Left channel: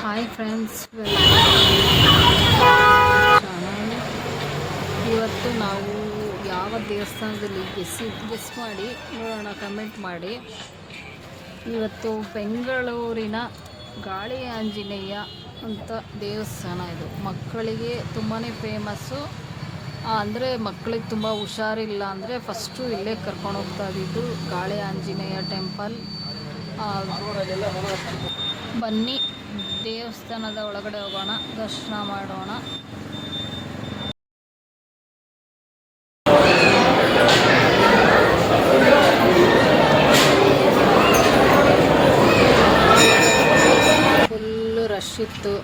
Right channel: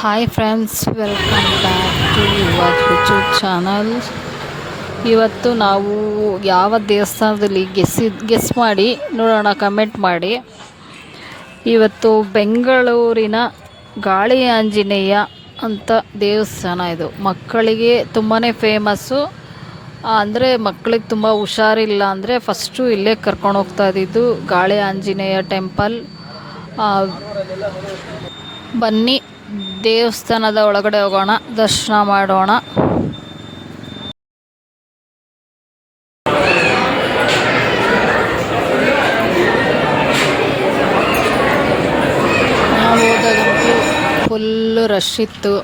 Hi friends, welcome back to your YouTube channel. ಇವತ್ತು ನಾವು ಯಾವ ದೇವಸ್ಥಾನದಲ್ಲಿ ಗೆಸ್ ಮಾಡಿ ನೋಡೋಣ, ಕಮೆಂಟ್ ಮಾಡಿ. ಇವತ್ತು ಬೆಂಗಳೂರಿನ ಗಾಳಿ ಆಂಜನೇಯ ಅಂತ ದೇವಸ್ಥಾನ. ಇದು ಮಕ್ಕಳಿಗೆ ತುಂಬಾ ಫೇಮಸ್ಸು. ಅಂದರೆ ಮಕ್ಕಳಿಗೆ ತುಂಬ ಹುಷಾರಿಲ್ಲ ಅಂದರೆ ಫಸ್ಟು ಇಲ್ಲೇ ಕರ್ಕೊಂಡು ಹೋಗ್ತಾ ಇದ್ದಿದ್ದು ಗಾಳಿ ಆಂಜನೇಯ ಟೆಂಪಲ್. ಬನ್ನಿ ದೇವಸ್ಥಾನದ ಒಳಗಡೆ ಹೋಗೋಣ, ದರ್ಶನ ಮಾಡೋಣ. ಫುಲ್ಲು ರಶ್ ಇತ್ತು,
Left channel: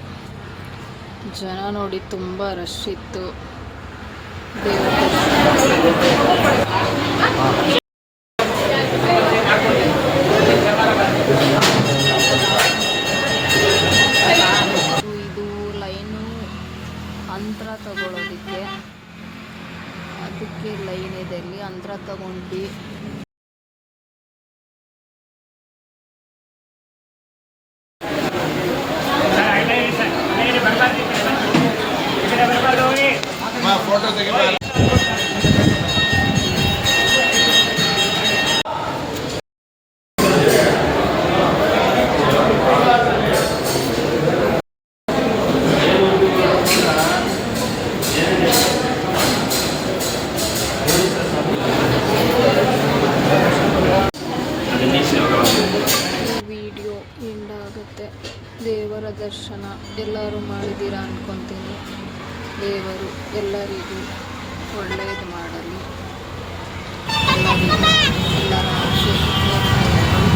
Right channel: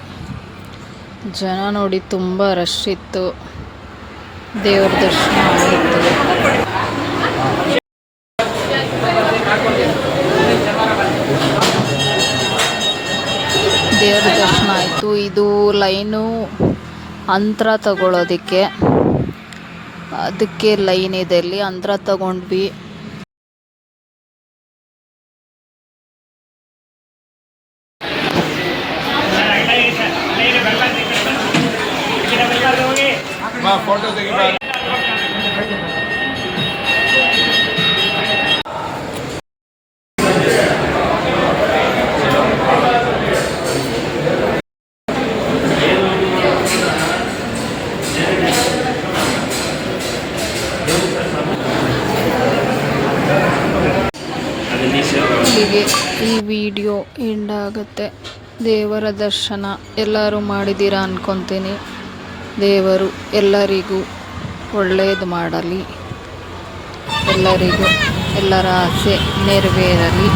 ಜನ ನೋಡಿ ತುಂಬ ರಶ್ ಇತ್ತು. ದೇವ್ರ ದರ್ಶನ ಆಯಿತು. ಇದು ಲೈನು ಅಂತ್ರ ತಗೊಳ್ಳೋದಕ್ಕೆ, ಅದಕ್ಕೆ ಲೈನ್ ಇದೆ. ಇಲ್ಲಿ ಅಂತ್ರ ತಗೊಂಡ್ವಿ. ಈ ವಿಡಿಯೋ ಎಂಡ್ ಆಗುತ್ತೆ. ದೇವರ ದರ್ಶನ ಎಲ್ಲರೂ ಮಾಡಿದ್ದೀರಾ ಅಂದ್ಕೊತೀನಿ. ದೇವರು ಎಲ್ಲರಿಗೂ ಒಳ್ಳೆಯದು ಮಾಡಲಿ, ಎಲ್ಲರಿಗೂ ಎಲ್ಲರ ಆಸೆ ನೆರವೇರಲಿ.